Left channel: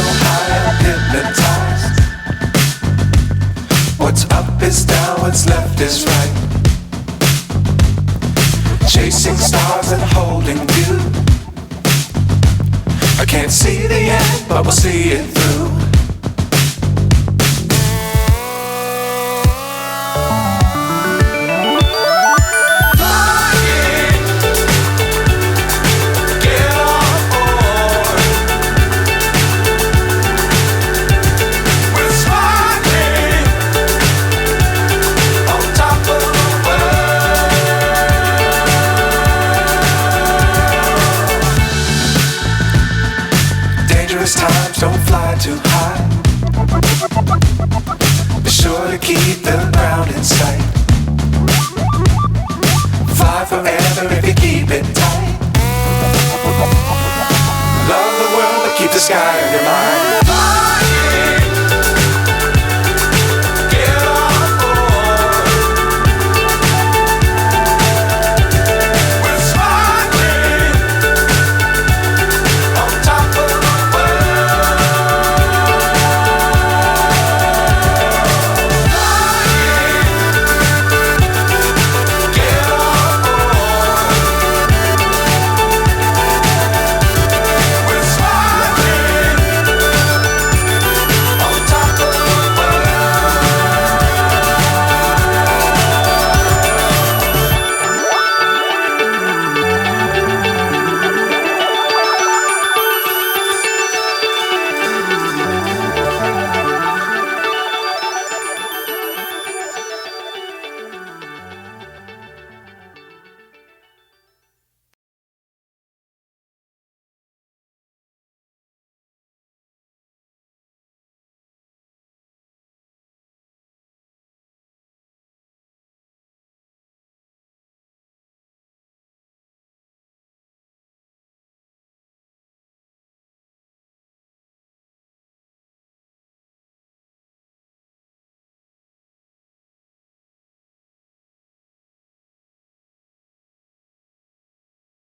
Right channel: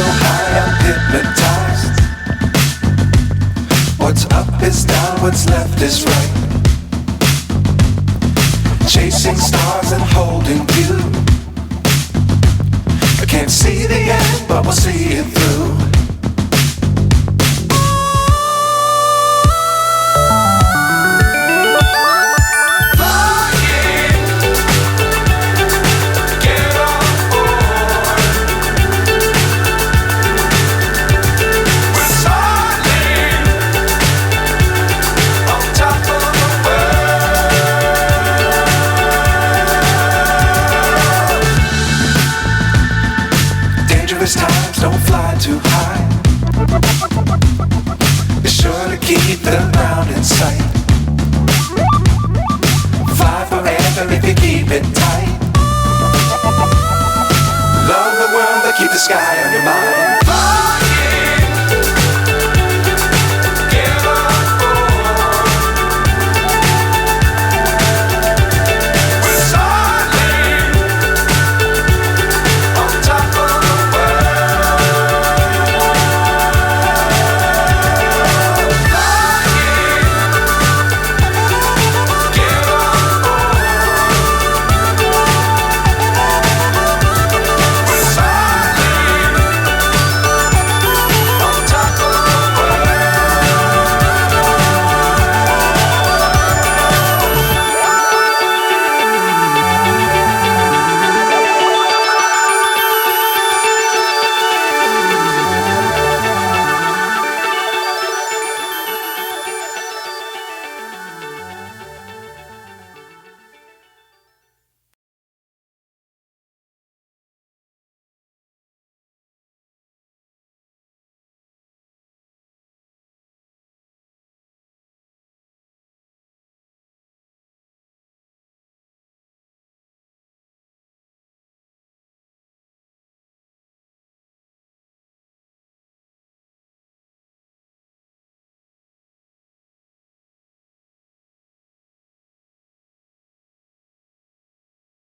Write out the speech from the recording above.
so high I'm hypnotized. What's up is down, what's left is right. Chasing stars and holding you. I can't see the end, but we'll see it through. Times don't fly too high. Be sure to keep the ground in sight. Fly forever if you keep it tight. Love the world but keep the sky on your mind.